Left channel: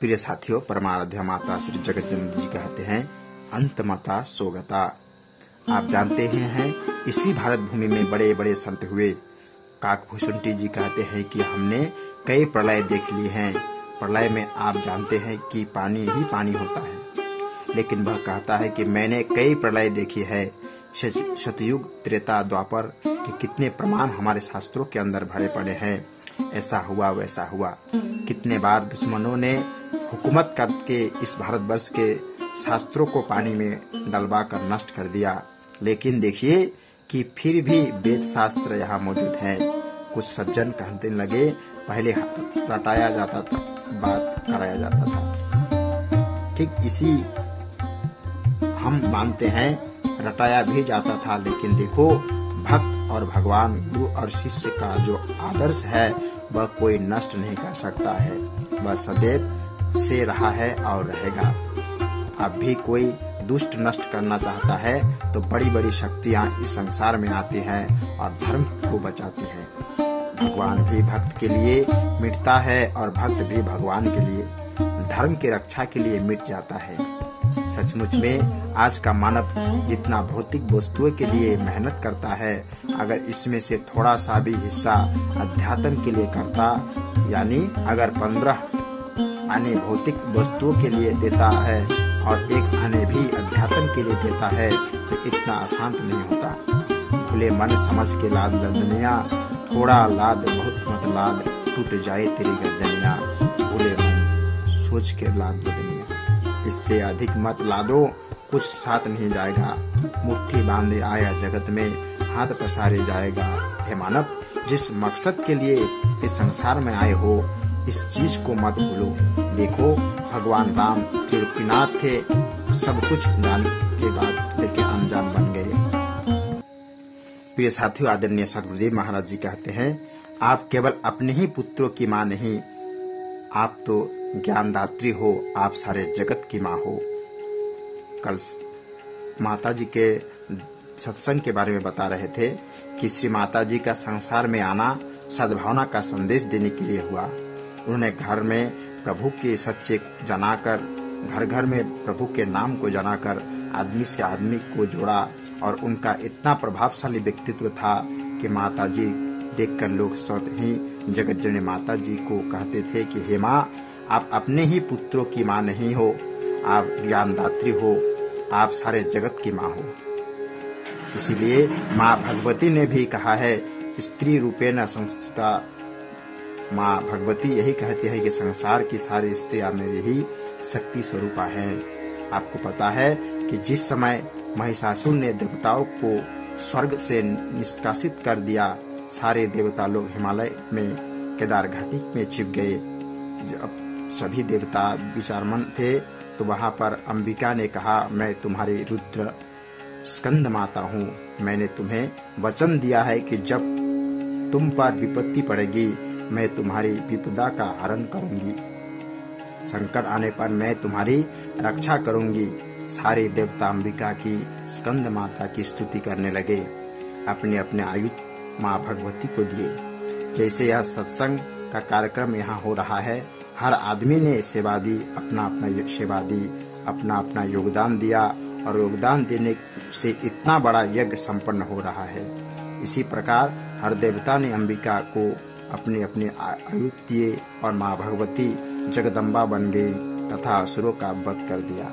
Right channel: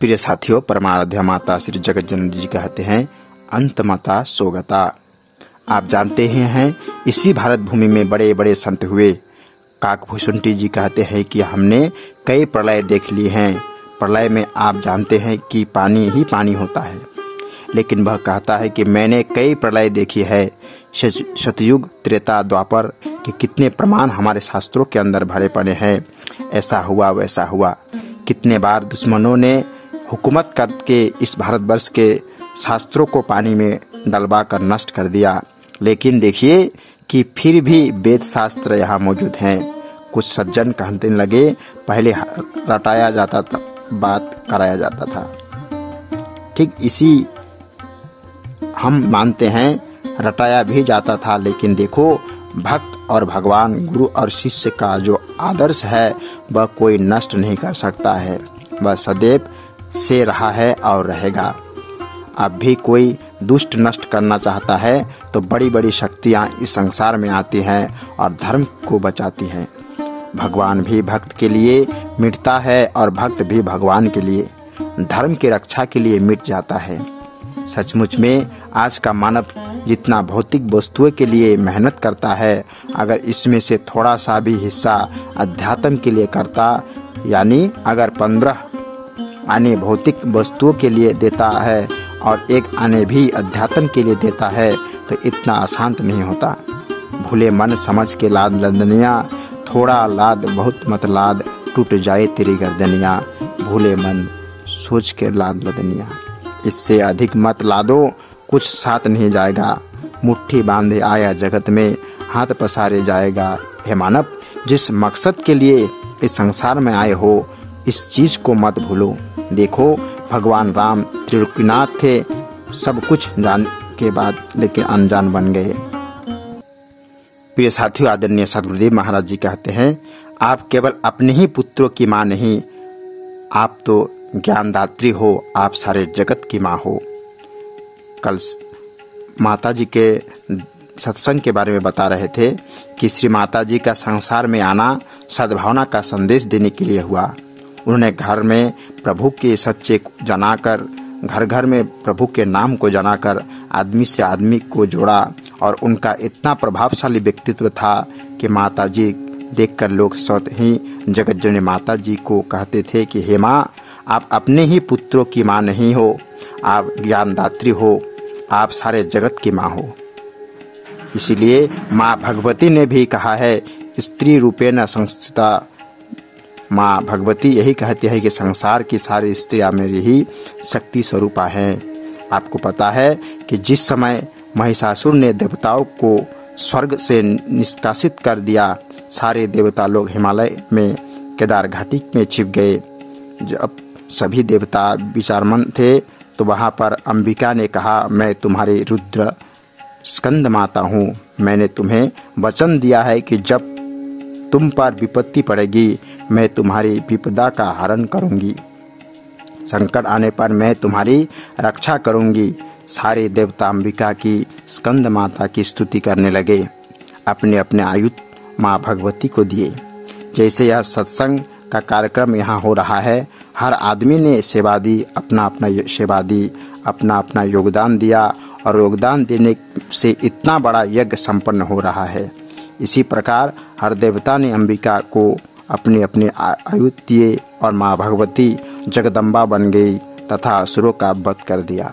प्रिय साथियों, परमाराध्या माता श्री जगत जननी जी कहते हैं, अंतमता सोगता। आप जानते ही हैं, इसी भारत भूमि में बड़े बड़े संत हुए। काकभूषुंडी जी कहते हैं कि हमने कई प्रलय देख लिए हैं। प्रलय में आप जानते हैं कि पानी ही पानी होता है, लेकिन वह कहता है कि मैंने कई प्रलय देखी है। सतयुग, त्रेता, द्वापर के कितने प्रमाण हमारे शास्त्रों के अंदर भरे पड़े हैं। ऐसा हुआ, वैसा हुआ। कितने बार दुश्मनों ने हुकूमत करके इस भारतवर्ष के शास्त्रों को पानी में डलवा कर नष्ट कर दिया, लेकिन देखिए कि फिर भी वेद शास्त्र यहाँ मौजूद हैं। कुछ सज्जन कहने लगे, पहले रटाया जाता था, बात कराया जाता था। ठीक इसी हम मानते हैं, रटाया भी जाता था, लेकिन देखो भक्त और भगवान, गुरु और शिष्य का जो आदर्श है वह कोई नष्ट नहीं कर सकता है। वह सदैव से रहा है और रहेगा। अब भी कोई दुष्ट नष्ट करना चाहता है तो बड़ी बड़ी शक्तियां इस संसार में आती हैं और धर्म को बचाती हैं। भगवान भी भक्त के लिए मिटता है और भक्त भी भगवान के लिए, धर्म की रक्षा के लिए मिट जाता है। सचमुच में आज का मानव जितना भौतिक वस्तुओं के लिए मेहनत करता है, अगर इसमें से थोड़ा सा भी हिस्सा अध्यात्म के लिए करता, यानी अगर 15 आने भौतिक वस्तुओं के लिए देता है और 1 आने भी अध्यात्म के लिए देता है, तो इतना अशांत नहीं होता। भूले मन समझ के लाद लदनिया, थोड़ा लाद बहुत मत लाद, टूट जाए तेरी गर्दनिया। भूले मन सोच के लाद लदनिया, इससे अधिक मत लादो, कुछ साथ नहीं जाएगा। मुट्ठी बांधे आया जगत में, हाथ पसारे जाएगा। हे मानव, जिस मकसद के लिए इस संसार में आए हो, इस चीज को मत भूलो। देखो भगवान राम त्रिलोकीनाथ थे, सब कुछ जान के बाद लेकिन अनजान बन गए। प्रिय साथियों, आदरणीय सदगुरुदेव महाराज जी कहते हैं, आप केवल अपने ही पुत्रों की मां नहीं, आप तो ज्ञानदात्री हो, आप सारे जगत की मां हो। कल माता जी के सत्संग के बारे में बता रहे थे कि श्री माता जी का संसार में आना सद्भावना का संदेश देने के लिए हुआ। उन्होंने घर में प्रभु के सच्चे जनाकर, घर घर में प्रभु के नाम को जनाकर आदमी से आदमी को जोड़ा, और उनका इतना प्रभावशाली व्यक्तित्व था कि माता जी देखकर लोग स्वतः ही जगत जननी माता जी को कहते थे कि हे माँ, आप अपने ही पुत्रों की माँ नहीं हो, आप ज्ञानदात्री हो, आप सारे जगत की माँ हो। इसीलिए माँ भगवती ने भी कहा है, स्त्री रूपेण संस्थिता। माँ भगवती यही कहती है कि संसार की सारी स्त्रियां मेरी ही शक्ति स्वरूपा हैं। आपको पता है कि जिस समय महिषासुर ने देवताओं को स्वर्ग से निष्कासित कर दिया, सारे देवता लोग हिमालय में केदार घाटी में छिप गए। जब सभी देवता विचारमंद थे तो वहां पर अंबिका ने कहा, मैं तुम्हारी रुद्र स्कंद माता हूँ, मैंने तुम्हें वचन दिया है कि जब तुम पर विपत्ति पड़ेगी मैं तुम्हारी विपदा का हरण करूंगी, संकट आने पर मैं तुम्हारी रक्षा करूंगी। सारे देवता अंबिका की स्कंद माता की स्तुति करने लगे, अपने अपने आयुध माँ भगवती को दिए। जैसे यह सत्संग का कार्यक्रम यहाँ हो रहा है, हर आदमी ने सेवा दी, अपना अपना सेवा दी, अपना अपना योगदान दिया, और योगदान देने से इतना बड़ा यज्ञ संपन्न हो रहा है। इसी प्रकार हर देवता ने अंबिका को अपने अपने आयुध दिए और माँ भगवती जगदम्बा बन गई तथा असुरों का वध कर दिया।